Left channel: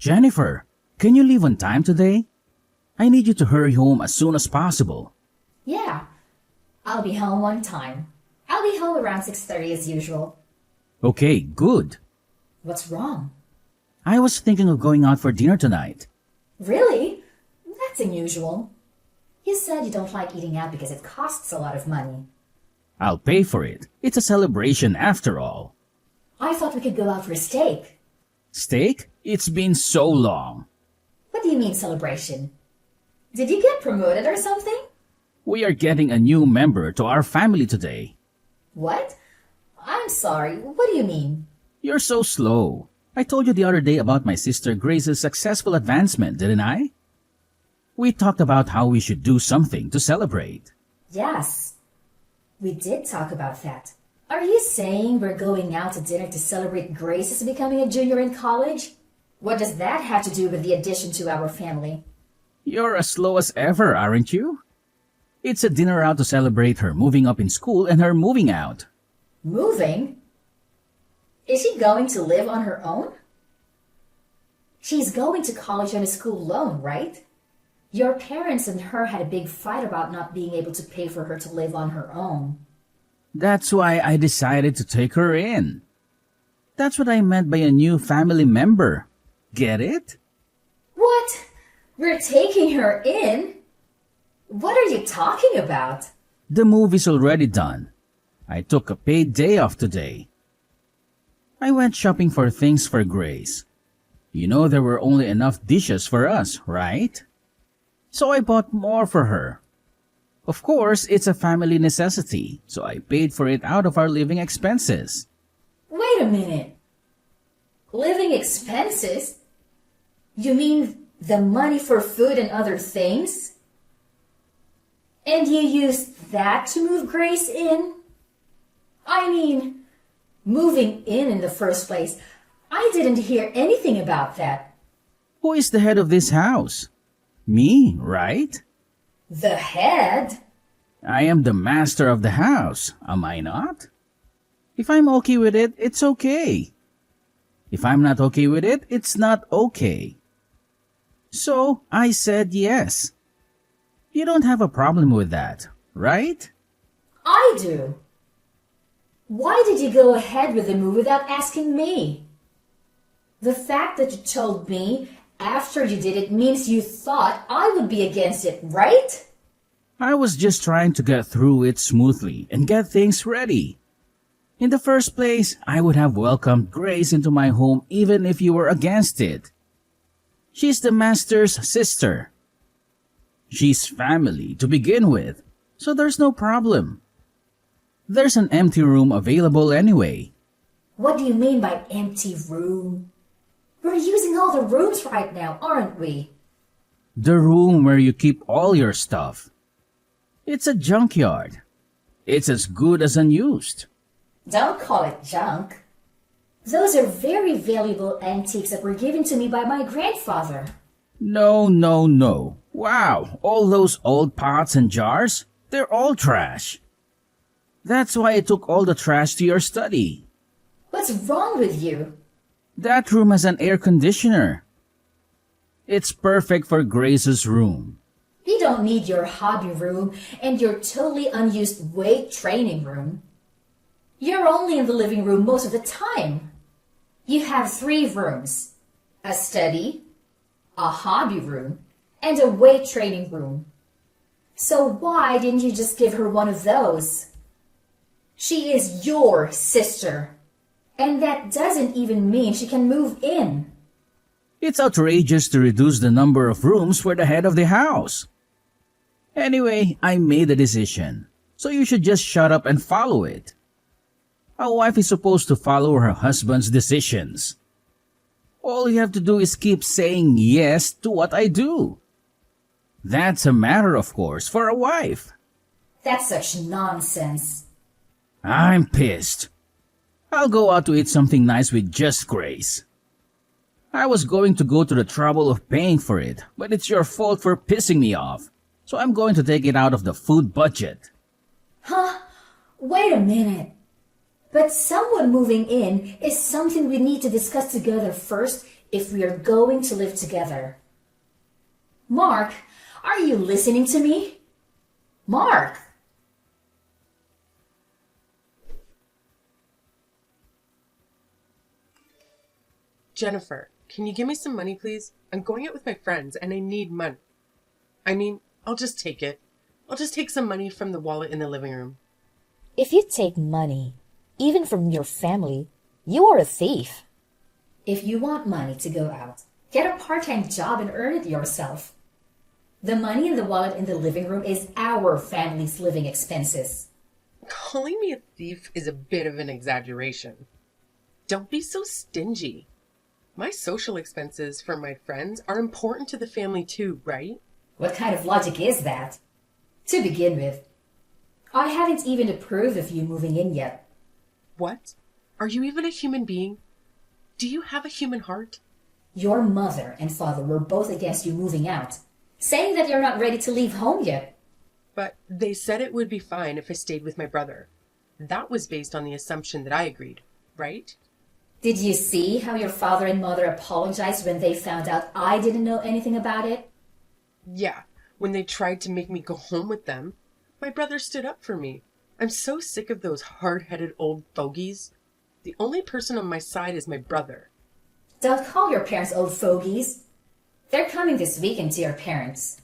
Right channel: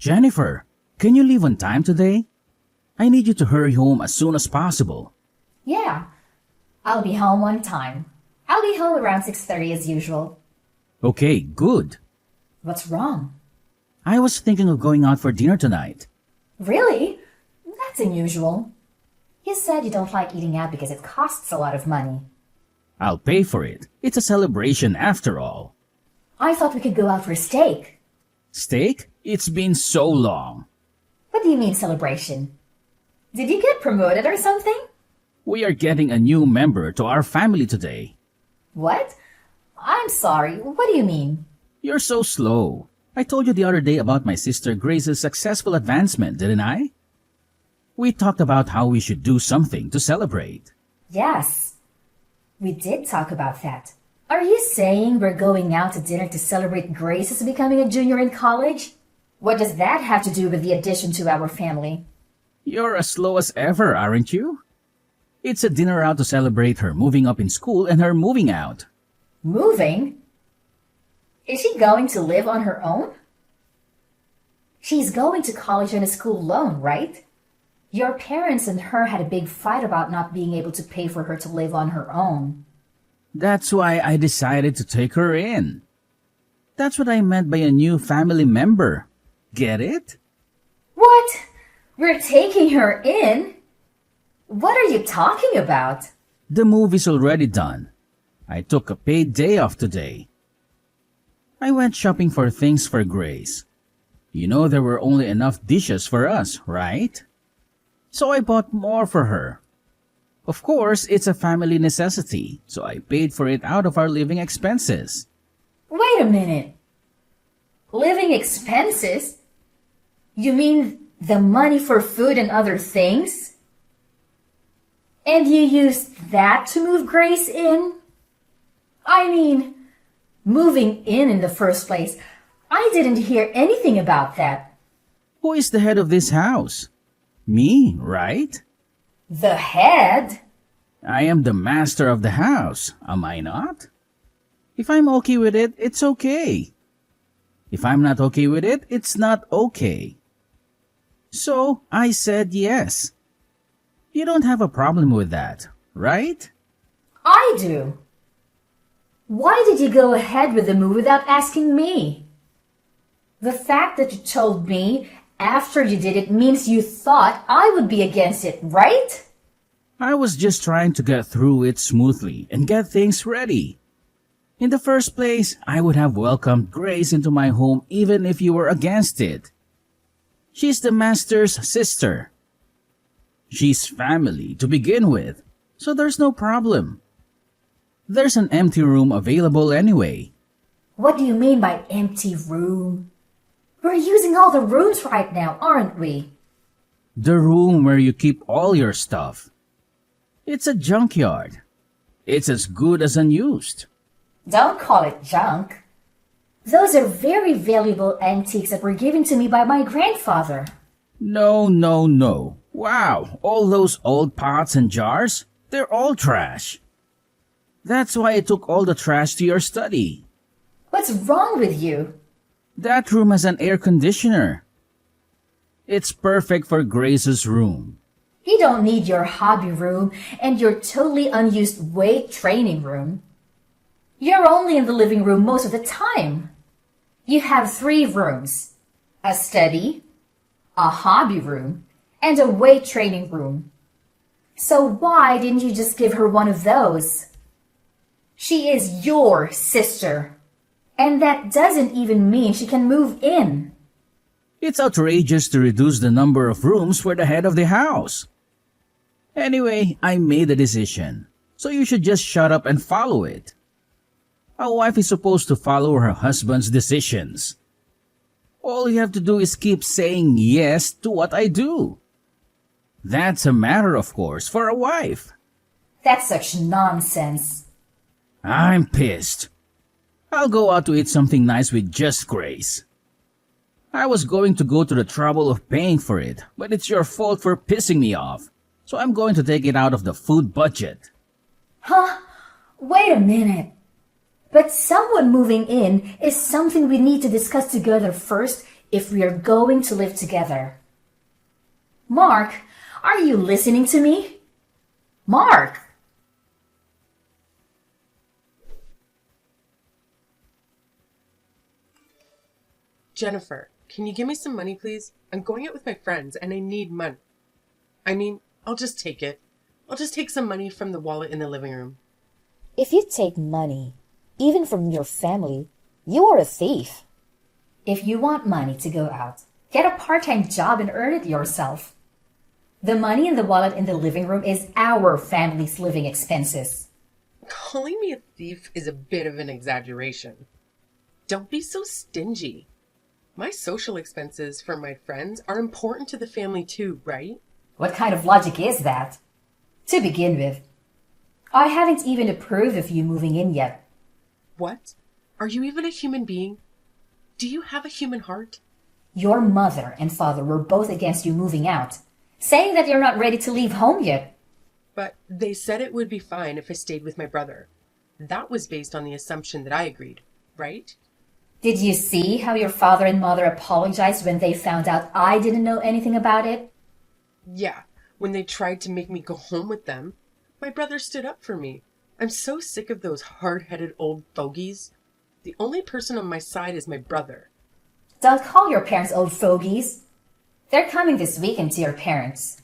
Jennifer, can you leave on time today? I need you to hurry home as soon as possible. Yeah, I'll be home on time. I'll be home around 6:30 as usual. Okay, good. What's wrong? I was thinking of going out for dinner tonight. Really? That's unusual. You said you don't like eating out because it costs a lot of money. I'll pay for it. It's a celebration after all. I thought we could go out for a steak. Steak? It's been so long. What do you mean celebration? Did you get promoted or something? We are getting a new member to our family today. What? I'm sorry, what do you mean? You're so slow. I told you the other day about my sister Grace's successful advancement, didn't I? We talked about how we should do something to celebrate. Yes, we did talk about that. Are you saying we're going out to dinner to celebrate Grace's becoming a junior in college? What does that have to do with the addition to our family? You're as slow as ever, aren't you? It's a dinner out to celebrate her moving up in school and her moving out. Moving? Is she going to live on her own? She's going to college on a school loan, right? Your parents and her had a big fight about not being able to pay for her to live on her own. That's why I decided to take her in. That's what I meant by a new family member. Get it? What? We're taking her in? What are you talking about? The move is already done. I took a paid day off today. I went shopping for things for Grace. You know there were only enough dishes for us, right? So I bought more for her. Of course, it's a family necessity, so I paid for it out of our living expenses. Wait a minute. Living expenses? You mean the money for food and other things? And you used that to move Grace in? I mean, moving in the first place. I didn't hear anything about that. Who is the head of this house? Me, right? The head? I am the master of the house, am I not? If I'm okay with it, it's okay. If I'm not okay with it, it's not okay. So I said yes. You don't have a problem with that, right? I do. Why did you go ahead with the move without asking me? The fact that you told me after you did it means you thought I would be against it, right? I was just trying to get through it smoothly and get things ready. In the first place, I would have welcomed Grace into my home even if you were against it. She's the master's sister. She's family to begin with, so there's no problem. There's an empty room available anyway. What do you mean by empty room? We're using all the rooms right now, aren't we? The room where you keep all your stuff. It's a junkyard. It's as good as unused. Don't call it junk. Those are very valuable antiques that were given to me by my grandfather. No, no, no. Wow, all those old pots and jars? They're all trash. That's why I took all the trash to your study. What's wrong with you? That room has an air conditioner. It's perfect for Grace's room. You don't need your hobby room and your totally unused weight training room. You're only in the living room most of the time. You have 3 rooms, a study, a hobby room, and a weight training room. So why didn't you just give her one of those? She is your sister, and that doesn't even mean she can move in. It's outrageous to reduce the number of rooms for the head of the house. Anyway, I made a decision, so you should just shut up and follow it. A wife is supposed to follow her husband's decisions. All you have to do is keep saying yes to what I do. That's a matter, of course, for a wife. That's such nonsense. I'm pissed. I'll go out to eat something nice with just Grace. I was going to go to the trouble of paying for it, but it's your fault for pissing me off. So I'm going to take it out of the food budget. Huh? Wait a minute. But someone moving in is something we need to discuss together first if we are going to live together. Mark, are you listening to me? Mark! Jennifer, can you give me some money, please? I'm going out with my friends and I need money. I'll just take it. I'll just take some money from the wallet in the living room. If you take money, even from your family, you are a thief. If you want money to go out, get a part-time job and earn it yourself. The money in the wallet in the living room is our family's living expenses. Calling me a thief is a bit of an exaggeration. Don't be so stingy. My social expenses for my friends are important to the family too, right? What kind of logic is that? To begin with, I haven't even approved of you moving in yet. What? Are you even a human being? Do you have a human heart? Your mother and father were both against you moving out, saying that you're not ready to leave home yet. But they said it would be fine if I stayed with my brother. That was based on the assumption that I agreed, right? Did you see how your father and mother apologized when they found out I didn't know anything about it? Yeah, when they tried to make me go home with them, my brother stood up for me. I'm so sick of those hard-headed old fogies. The only person on my side is my brother. Don't call your parents old fogies. They're coming this weekend to your parents.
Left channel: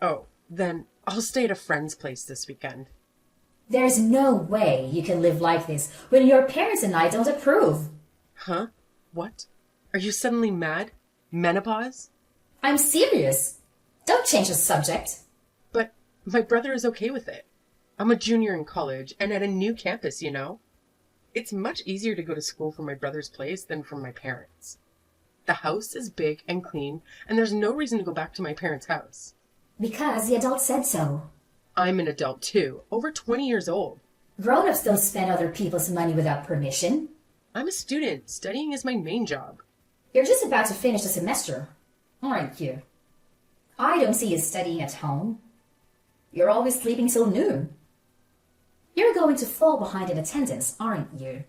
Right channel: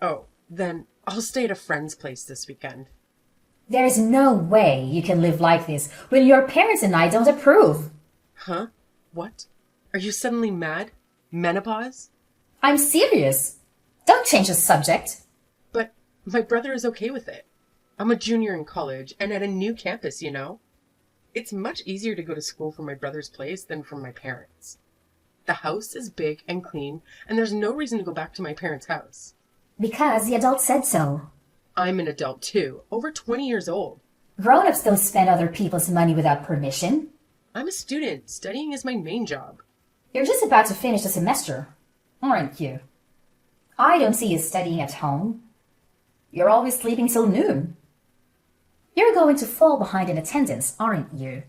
Oh, then I'll stay at a friend's place this weekend. There's no way you can live like this when your parents and I don't approve. Huh? What? Are you suddenly mad? Menopause? I'm serious. Don't change the subject. But my brother is okay with it. I'm a junior in college and at a new campus, you know? It's much easier to go to school from my brother's place than from my parents'. The house is big and clean, and there's no reason to go back to my parents' house. Because the adult said so. I'm an adult too, over 20 years old. Grown-ups don't spend other people's money without permission. I'm a student. Studying is my main job. You're just about to finish the semester, aren't you? I don't see you studying at home. You're always sleeping till noon. You're going to fall behind in attendance, aren't you?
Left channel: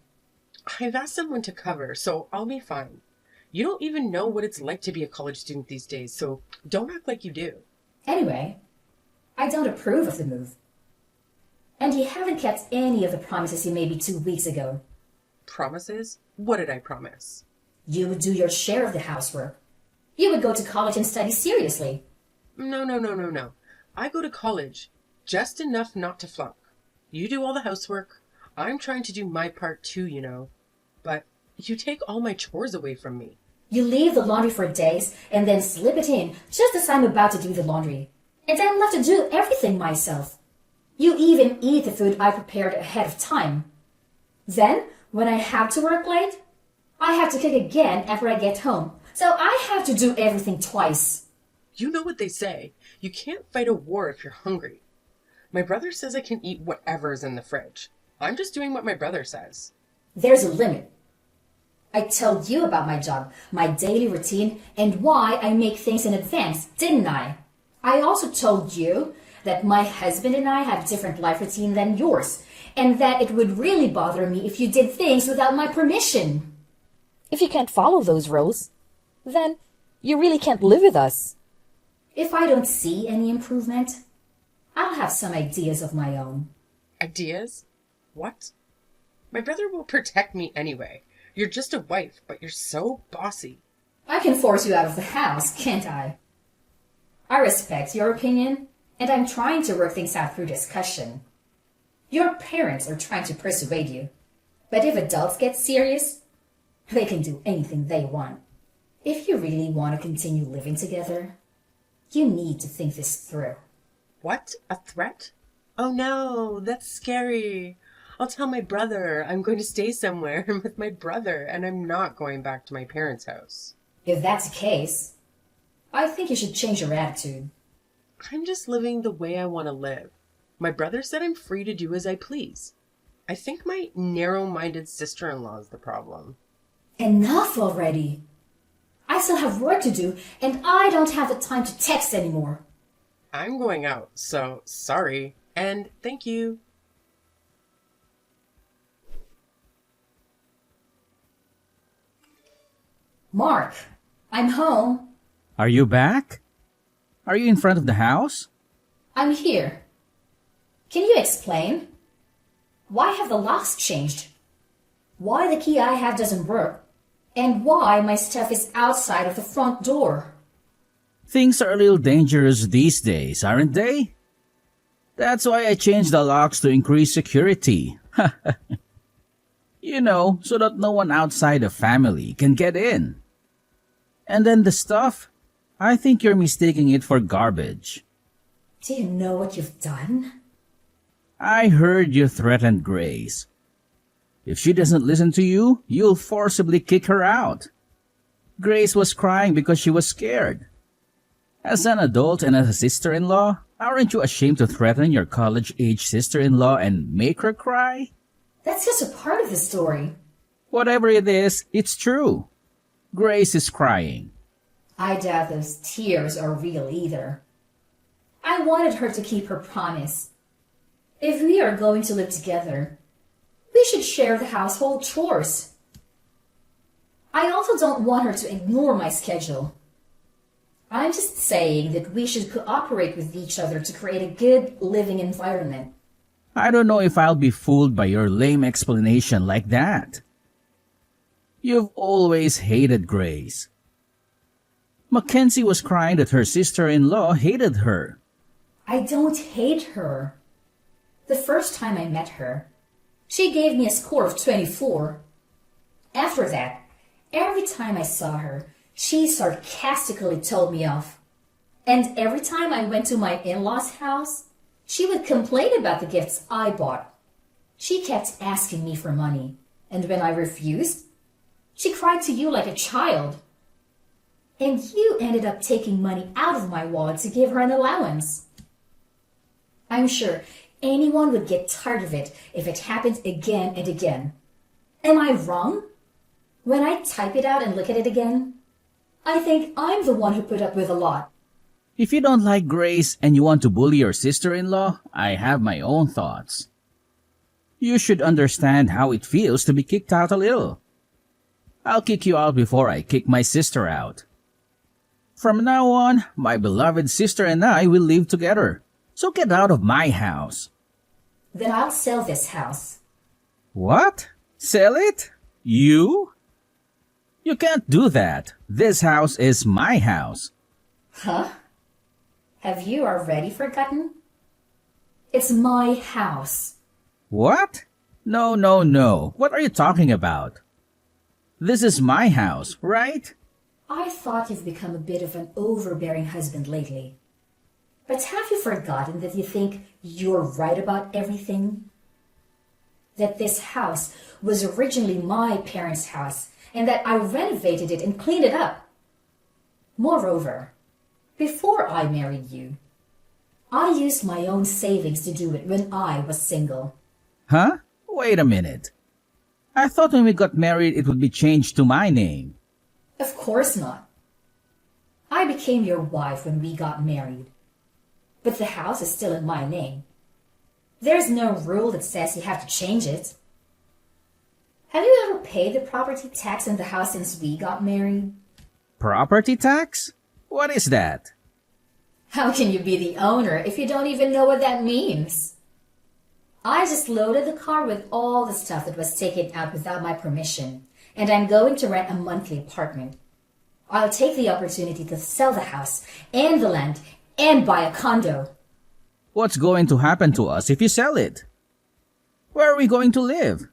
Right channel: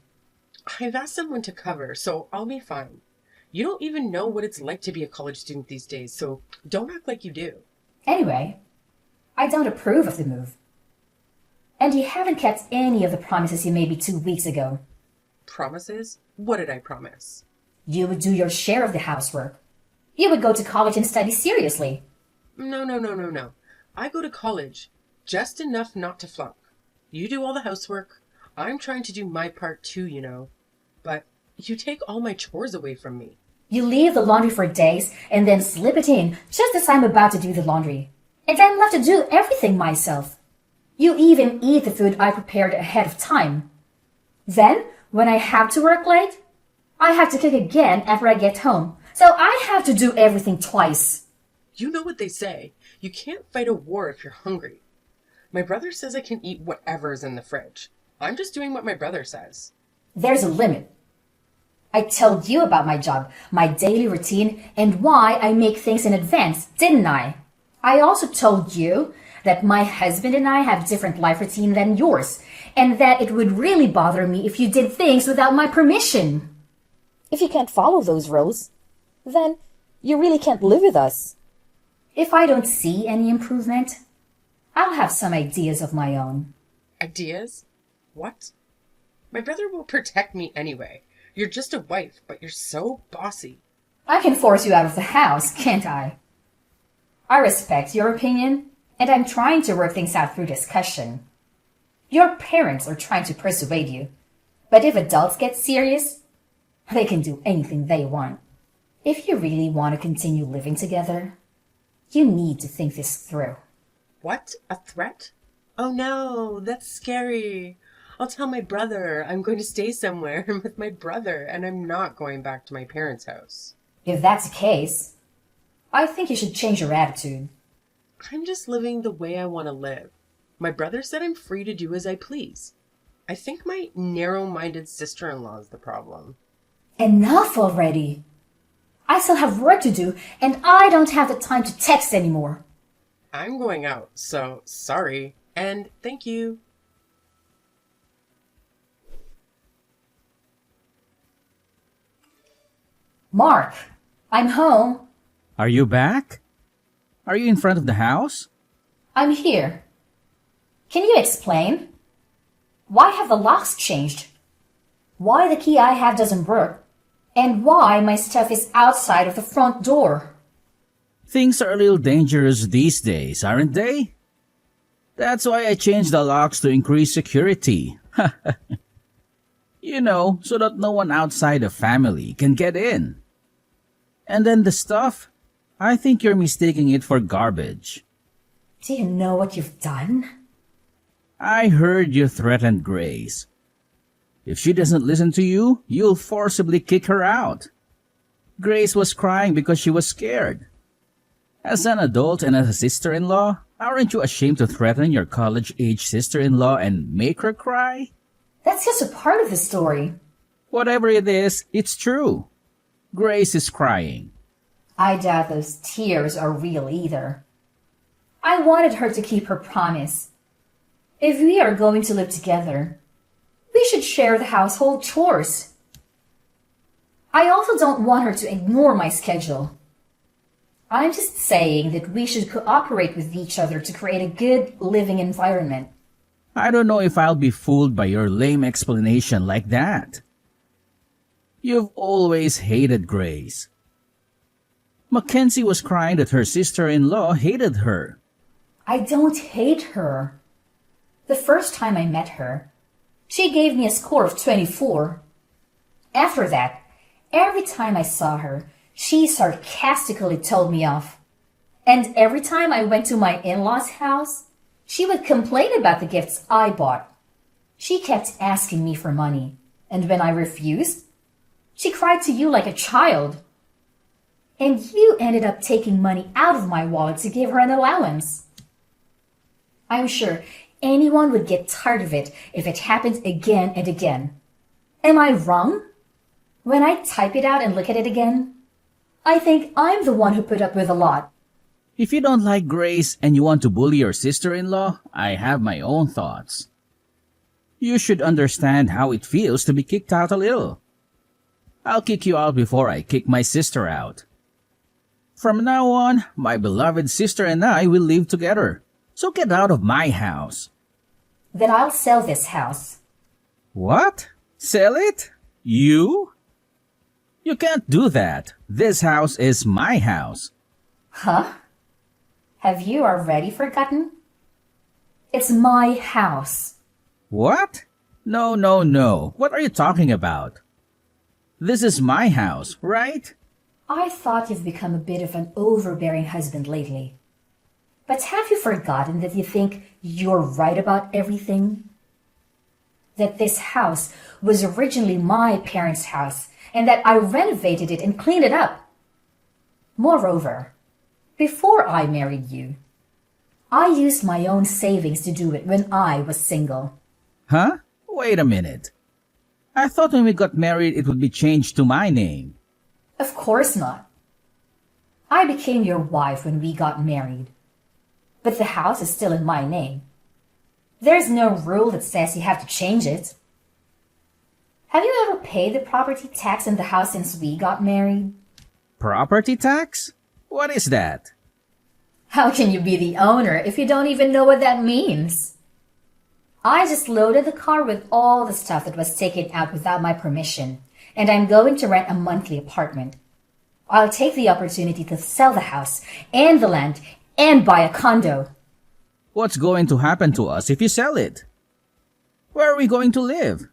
I've asked someone to cover, so I'll be fine. You don't even know what it's like to be a college student these days, so don't act like you do. Anyway, I don't approve of the move. And you haven't kept any of the promises you made me 2 weeks ago. Promises? What did I promise? You would do your share of the housework. You would go to college and study seriously. No. I go to college. Just enough not to flunk. You do all the housework. I'm trying to do my part too, you know. But you take all my chores away from me. You leave the laundry for days and then slip it in just as I'm about to do the laundry. And I'm left to do everything myself. You even eat the food I prepared ahead of time. Then, when I have to work late, I have to cook again after I get home. So I have to do everything twice. You know what they say. You can't fight a war if you're hungry. My brother says I can eat whatever's in the fridge. I'm just doing what my brother says. There's a limit. I told you about my job, my daily routine, and why I make things in advance, didn't I? I also told you that my husband and I have different life routine than yours, and that it would really bother me if you did things without my permission. If you can't follow those rules, then you really can't live with us. If I don't see any improvement, I'll have some ideas of my own. Ideas? What? My brother will protect me anyway. You're just a wife, but you're so bossy. I can force you out of the house, can't I? I respect your opinion, and I'm trying to work things out through discussion. Your parents are trying to persuade you, but if adults get serious, they can do anything they want. If you really want to continue living together, you need to think this through. What? A threat? Oh no, that's scary. I'll tell my brother I'm going to stay somewhere with my brother and I'm not going back to my parents' house. If that's the case, I think you should change your attitude. I'm just living the way I want to live. My brother said I'm free to do as I please. I think my narrow-minded sister-in-law is the problem. Enough already. I still have work to do, and I don't have the time to text anymore. I'm going out, so sorry, and thank you. Mark, I'm home. Are you back? Are you in front of the house? I'm here. Can you explain? Why have the locks changed? Why the key I have doesn't work? And why my stuff is outside of the front door? Things are a little dangerous these days, aren't they? That's why I changed the locks to increase security. So that no one outside the family can get in. And then the stuff, I think you're mistaking it for garbage. Do you know what you've done? I heard you threatened Grace. If she doesn't listen to you, you'll forcibly kick her out. Grace was crying because she was scared. As an adult and as a sister-in-law, aren't you ashamed to threaten your college-age sister-in-law and make her cry? That's just a part of the story. Whatever it is, it's true. Grace is crying. I doubt those tears are real either. I wanted her to keep her promise. If we are going to live together, we should share the household chores. I also don't want her to ignore my schedule. I'm just saying that we should cooperate with each other to create a good living environment. I don't know if I'll be fooled by your lame explanation like that. You've always hated Grace. Mackenzie was crying that her sister-in-law hated her. I don't hate her. The first time I met her, she gave me a score of 24. After that, every time I saw her, she sarcastically told me off. And every time I went to my in-laws' house, she would complain about the gifts I bought. She kept asking me for money, and when I refused, she cried to you like a child. And you ended up taking money out of my wallet to give her an allowance. I'm sure anyone would get tired of it if it happened again and again. Am I wrong? When I type it out and look at it again, I think I'm the one who put up with a lot. If you don't like Grace and you want to bully your sister-in-law, I have my own thoughts. You should understand how it feels to be kicked out a little. I'll kick you out before I kick my sister out. From now on, my beloved sister and I will live together. So get out of my house. Then I'll sell this house. What? Sell it? You? You can't do that. This house is my house. Huh? Have you already forgotten? It's my house. What? No. What are you talking about? This is my house, right? I thought you've become a bit of an overbearing husband lately. But have you forgotten that you think you're right about everything? That this house was originally my parents' house and that I renovated it and cleaned it up. Moreover, before I married you, I used my own savings to do it when I was single. Huh? Wait a minute. I thought when we got married it would be changed to my name. Of course not. I became your wife when we got married. But the house is still in my name. There's no rule that says you have to change it. Have you ever paid the property tax in the house since we got married? Property tax? What is that? How can you be the owner if you don't even know what that means? I just loaded the car with all the stuff that was taken out without my permission, and I'm going to rent a monthly apartment. I'll take the opportunity to sell the house and the land and buy a condo. What's going to happen to us if you sell it? Where are we going to live?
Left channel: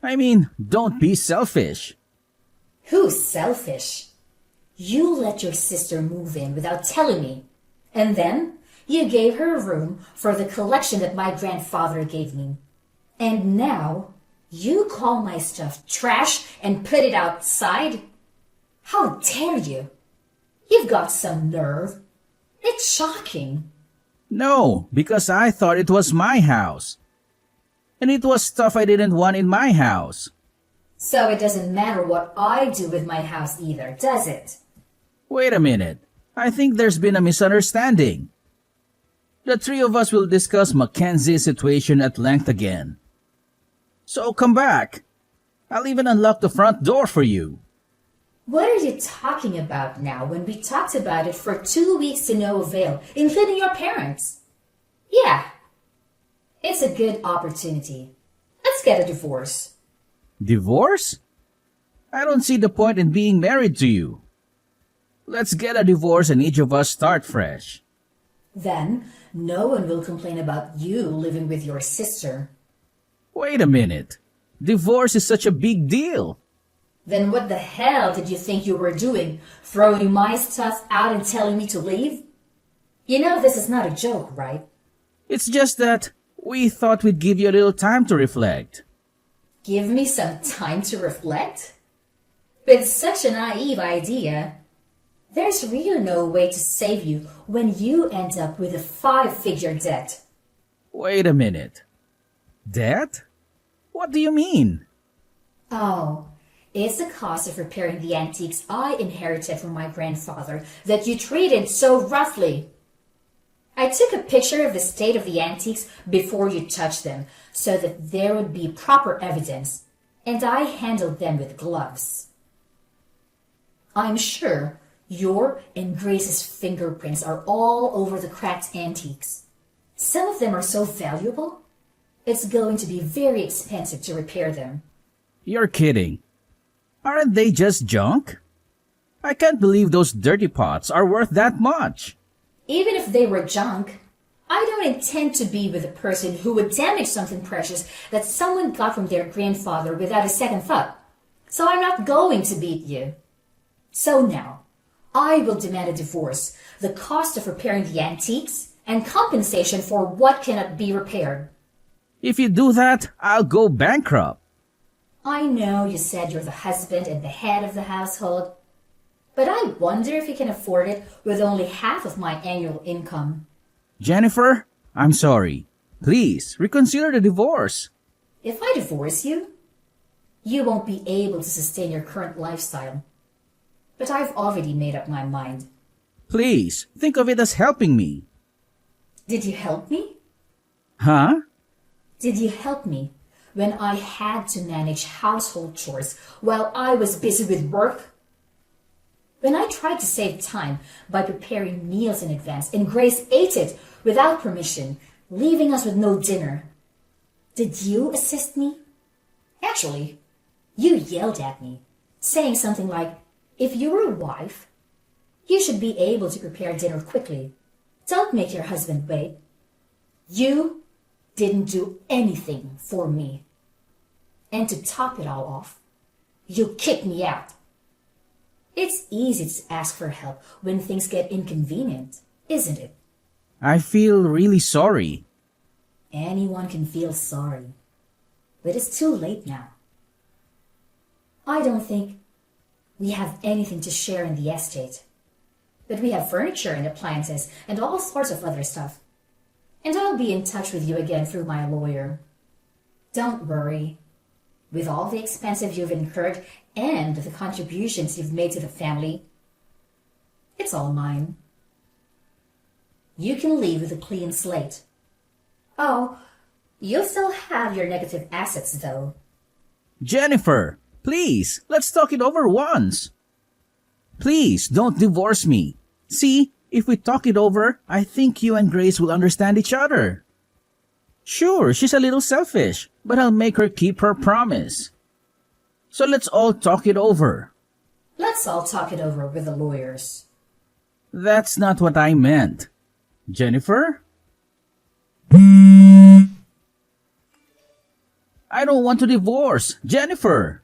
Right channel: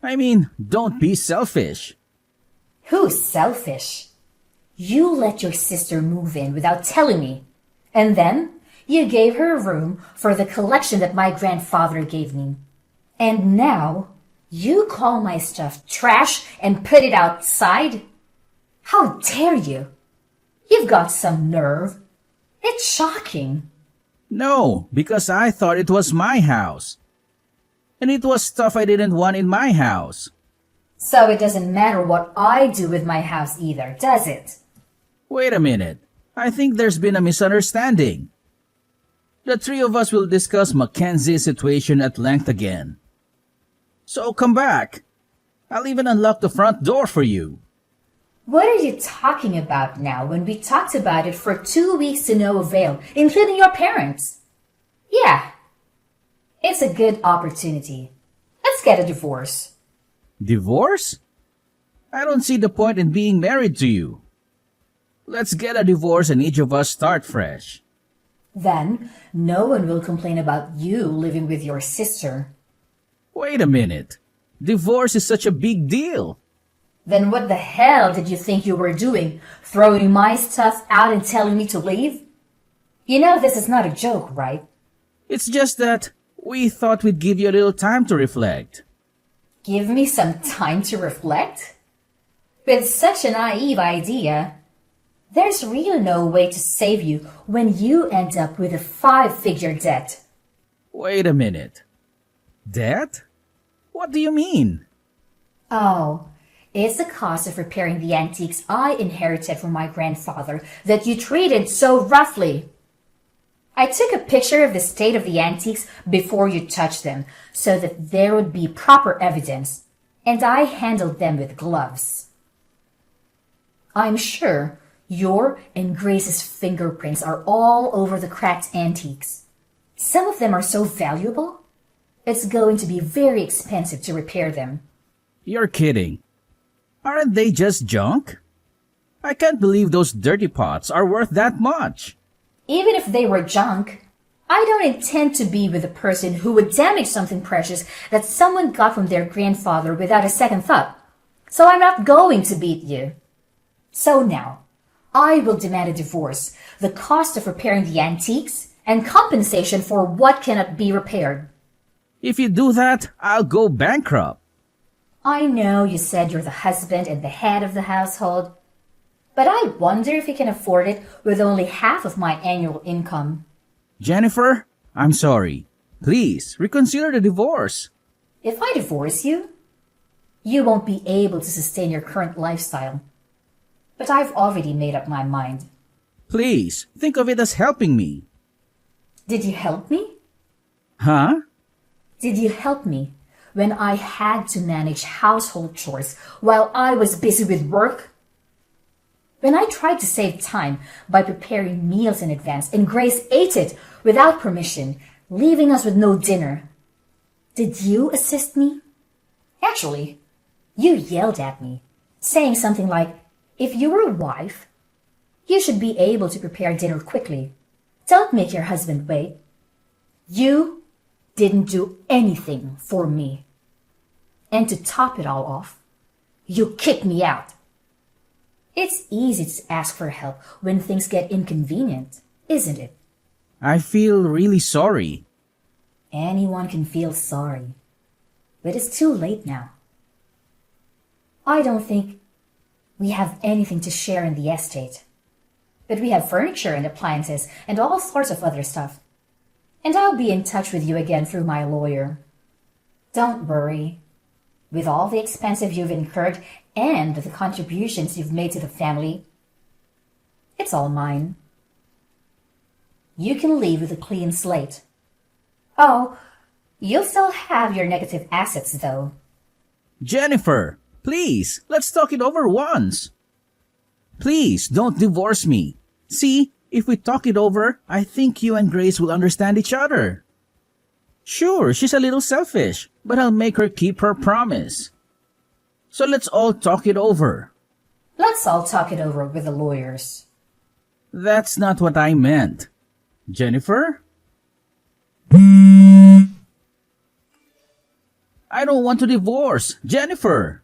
I mean, don't be selfish. Who's selfish? You let your sister move in without telling me, and then you gave her a room for the collection that my grandfather gave me. And now you call my stuff trash and put it outside? How dare you? You've got some nerve. It's shocking. No, because I thought it was my house. And it was stuff I didn't want in my house. So it doesn't matter what I do with my house either, does it? Wait a minute. I think there's been a misunderstanding. The three of us will discuss Mackenzie's situation at length again. So come back. I'll even unlock the front door for you. What are you talking about now when we talked about it for 2 weeks to no avail, including your parents? Yeah, it's a good opportunity. Let's get a divorce. Divorce? I don't see the point in being married to you. Let's get a divorce and each of us start fresh. Then, no one will complain about you living with your sister. Wait a minute. Divorce is such a big deal. Then what the hell did you think you were doing? Throwing my stuff out and telling me to leave? You know this is not a joke, right? It's just that we thought we'd give you a little time to reflect. Give me some time to reflect? With such a naive idea, there's really no way to save you when you end up with a 5-figure debt. Wait a minute. Debt? What do you mean? Oh, it's the cost of repairing the antiques I inherited from my grandfather that you treated so roughly. I took a picture of the state of the antiques before you touched them so that there would be proper evidence, and I handled them with gloves. I'm sure your and Grace's fingerprints are all over the cracked antiques. Some of them are so valuable, it's going to be very expensive to repair them. You're kidding. Aren't they just junk? I can't believe those dirty pots are worth that much. Even if they were junk, I don't intend to be with a person who would damage something precious that someone got from their grandfather without a second thought. So I'm not going to beat you. So now, I will demand a divorce, the cost of repairing the antiques, and compensation for what cannot be repaired. If you do that, I'll go bankrupt. I know you said you're the husband and the head of the household, but I wonder if you can afford it with only half of my annual income. Jennifer, I'm sorry. Please, reconsider the divorce. If I divorce you, you won't be able to sustain your current lifestyle. But I've already made up my mind. Please, think of it as helping me. Did you help me? Huh? Did you help me when I had to manage household chores while I was busy with work? When I tried to save time by preparing meals in advance and Grace ate it without permission, leaving us with no dinner, did you assist me? Actually, you yelled at me, saying something like, if you were a wife, you should be able to prepare dinner quickly. Don't make your husband wait. You didn't do anything for me. And to top it all off, you kicked me out. It's easy to ask for help when things get inconvenient, isn't it? I feel really sorry. Anyone can feel sorry, but it's too late now. I don't think we have anything to share in the estate, but we have furniture and appliances and all sorts of other stuff. And I'll be in touch with you again through my lawyer. Don't worry. With all the expenses you've incurred and the contributions you've made to the family, it's all mine. You can leave with a clean slate. Oh, you'll still have your negative assets, though. Jennifer, please, let's talk it over once. Please, don't divorce me. See, if we talk it over, I think you and Grace will understand each other. Sure, she's a little selfish, but I'll make her keep her promise. So let's all talk it over. Let's all talk it over with the lawyers. That's not what I meant. Jennifer? I don't want to divorce. Jennifer!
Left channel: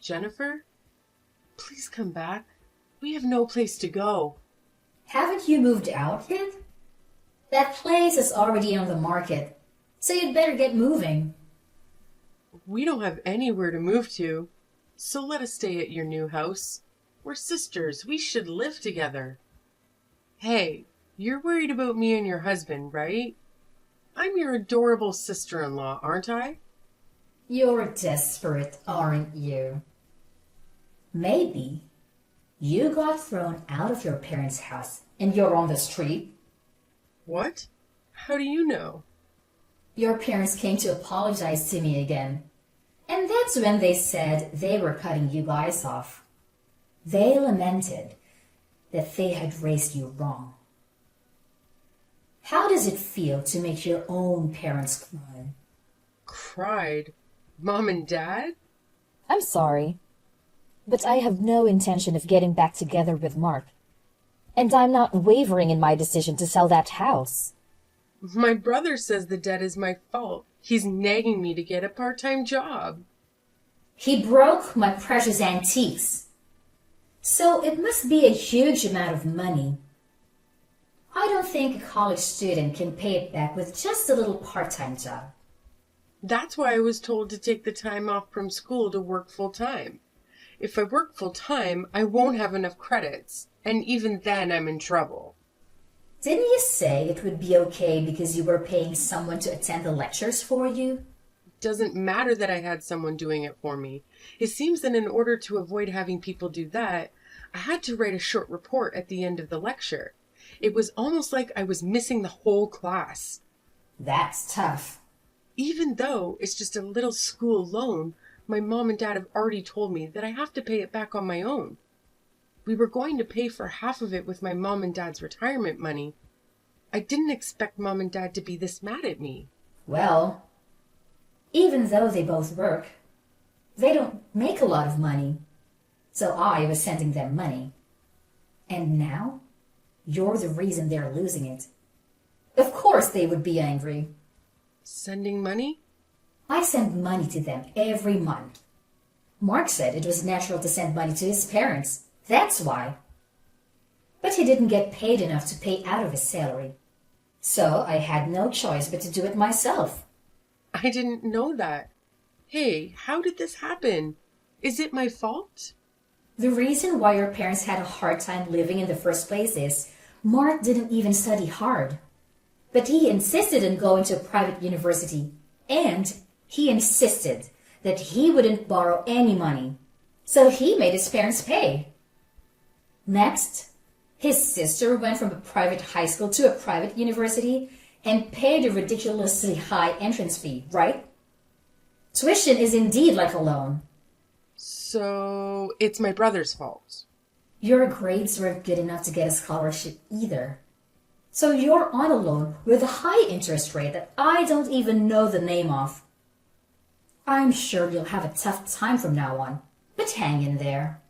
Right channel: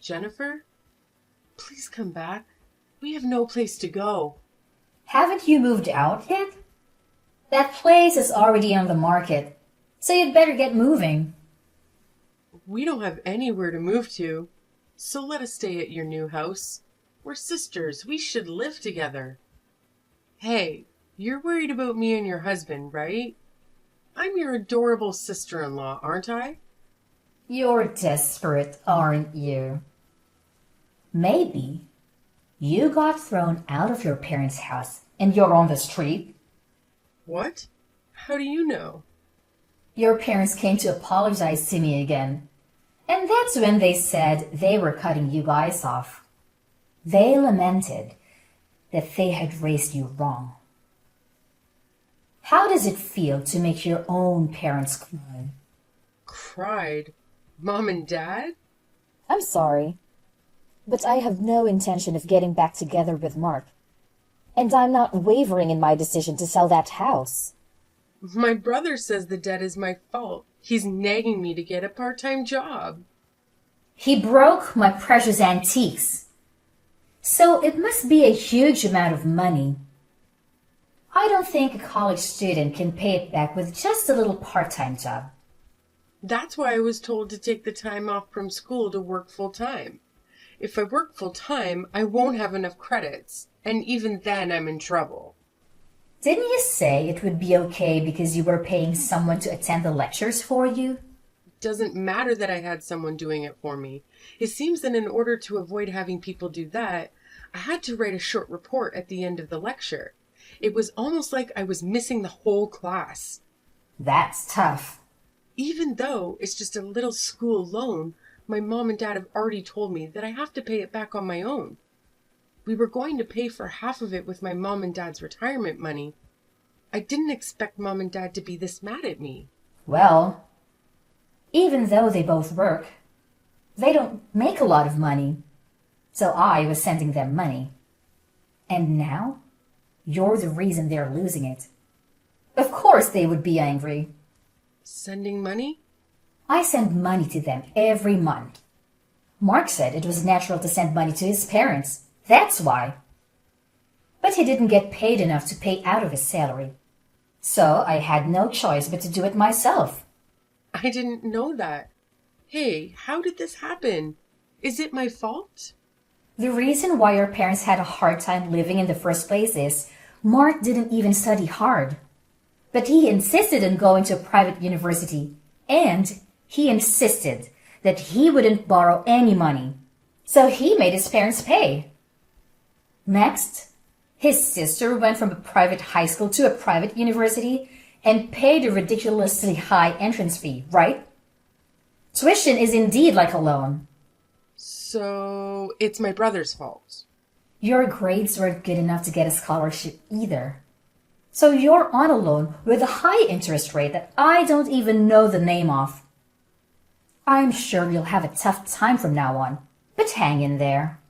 Jennifer? Please come back. We have no place to go. Haven't you moved out yet? That place is already on the market, so you'd better get moving. We don't have anywhere to move to, so let us stay at your new house. We're sisters. We should live together. Hey, you're worried about me and your husband, right? I'm your adorable sister-in-law, aren't I? You're desperate, aren't you? Maybe you got thrown out of your parents' house and you're on the street. What? How do you know? Your parents came to apologize to me again. And that's when they said they were cutting you guys off. They lamented that they had raised you wrong. How does it feel to make your own parents cry? Cried? Mom and Dad? I'm sorry, but I have no intention of getting back together with Mark. And I'm not wavering in my decision to sell that house. My brother says the debt is my fault. He's nagging me to get a part-time job. He broke my precious antiques. So it must be a huge amount of money. I don't think a college student can pay it back with just a little part-time job. That's why I was told to take the time off from school to work full-time. If I work full-time, I won't have enough credits, and even then I'm in trouble. Didn't you say it would be okay because you were paying someone to attend the lectures for you? Doesn't matter that I had someone doing it for me. It seems that in order to avoid having people do that, I had to write a short report at the end of the lecture. It was almost like I was missing the whole class. That's tough. Even though it's just a little school loan, my mom and dad have already told me that I have to pay it back on my own. We were going to pay for half of it with my mom and dad's retirement money. I didn't expect mom and dad to be this mad at me. Well, even though they both work, they don't make a lot of money. So I was sending them money. And now, you're the reason they're losing it. Of course they would be angry. Sending money? I send money to them every month. Mark said it was natural to send money to his parents. That's why. But he didn't get paid enough to pay out of his salary. So I had no choice but to do it myself. I didn't know that. Hey, how did this happen? Is it my fault? The reason why your parents had a hard time living in the first place is Mark didn't even study hard. But he insisted on going to a private university, and he insisted that he wouldn't borrow any money. So he made his parents pay. Next, his sister went from a private high school to a private university and paid a ridiculously high entrance fee, right? Tuition is indeed like a loan. So it's my brother's fault. Your grades weren't good enough to get a scholarship either. So you're on a loan with a high interest rate that I don't even know the name of. I'm sure you'll have a tough time from now on, but hang in there.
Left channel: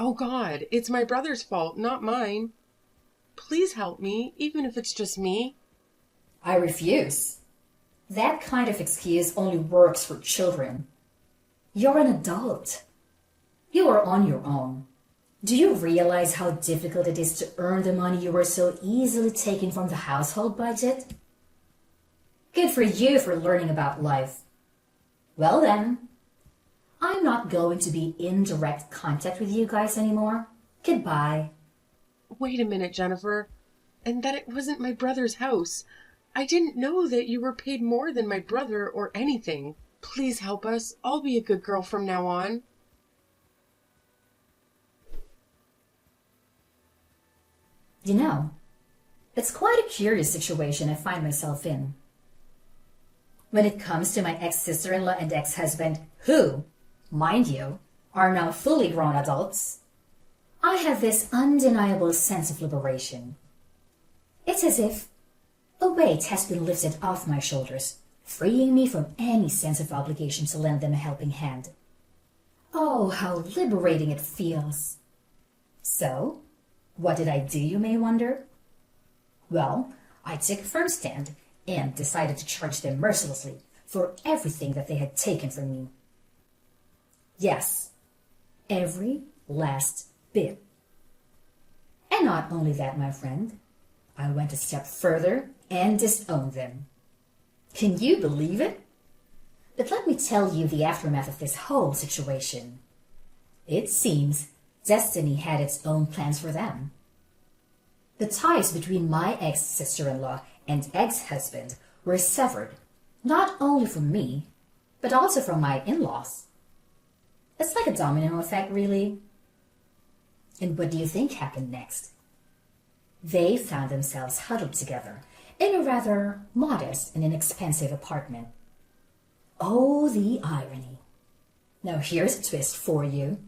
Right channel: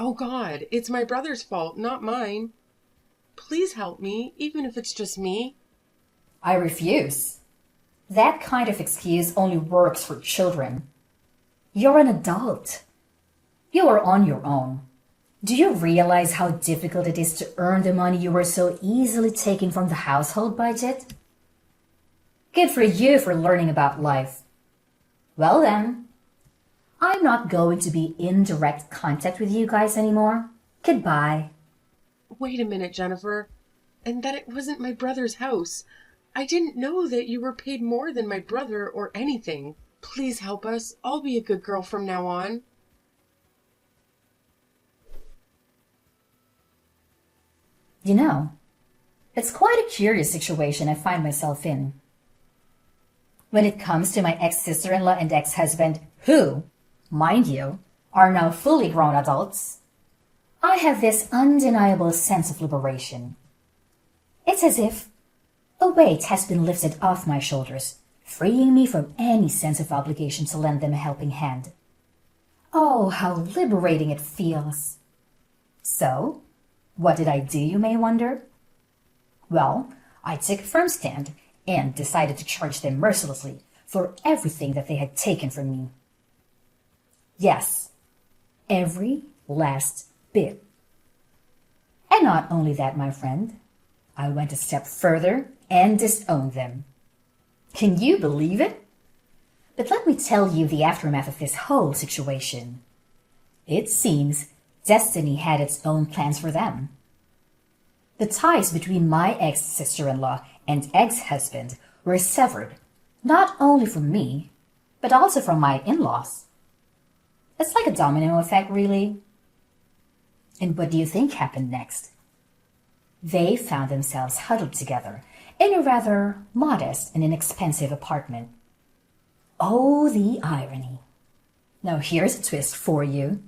Oh God, it's my brother's fault, not mine. Please help me, even if it's just me. I refuse. That kind of excuse only works for children. You're an adult. You are on your own. Do you realize how difficult it is to earn the money you were so easily taking from the household budget? Good for you for learning about life. Well then, I'm not going to be in direct contact with you guys anymore. Goodbye. Wait a minute, Jennifer. And that it wasn't my brother's house. I didn't know that you were paid more than my brother or anything. Please help us. I'll be a good girl from now on. You know, it's quite a curious situation I find myself in. When it comes to my ex-sister-in-law and ex-husband, who, mind you, are now fully grown adults, I have this undeniable sense of liberation. It's as if a weight has been lifted off my shoulders, freeing me from any sense of obligation to lend them a helping hand. Oh, how liberating it feels. So, what did I do, you may wonder? Well, I took a firm stand and decided to charge them mercilessly for everything that they had taken from me. Yes, every last bit. And not only that, my friend, I went a step further and disowned them. Can you believe it? But let me tell you the aftermath of this whole situation. It seems destiny had its own plans for them. The ties between my ex-sister-in-law and ex-husband were severed, not only from me, but also from my in-laws. It's like a domino effect, really. And what do you think happened next? They found themselves huddled together in a rather modest and inexpensive apartment. Oh, the irony. Now here's a twist for you.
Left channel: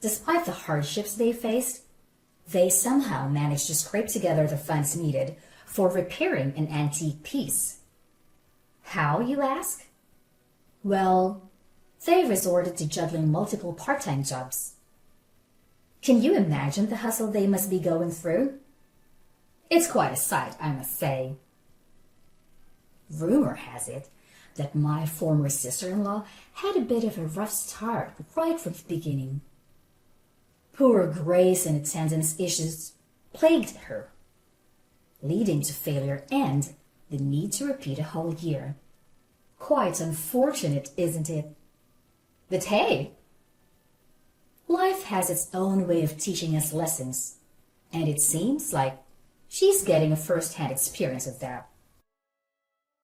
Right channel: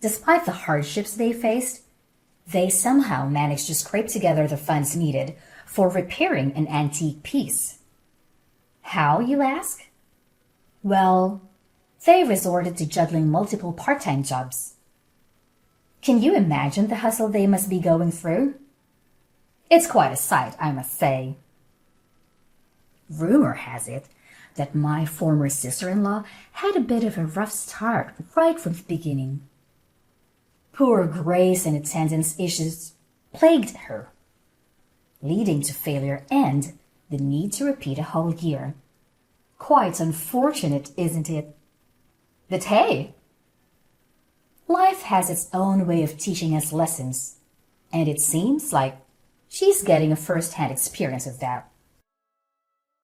Despite the hardships they faced, they somehow managed to scrape together the funds needed for repairing an antique piece. How, you ask? Well, they resorted to juggling multiple part-time jobs. Can you imagine the hustle they must be going through? It's quite a sight, I must say. Rumor has it that my former sister-in-law had a bit of a rough start right from the beginning. Poor grace and attendance issues plagued her, leading to failure and the need to repeat a whole year. Quite unfortunate, isn't it? But hey, life has its own way of teaching us lessons, and it seems like she's getting a first-hand experience of that.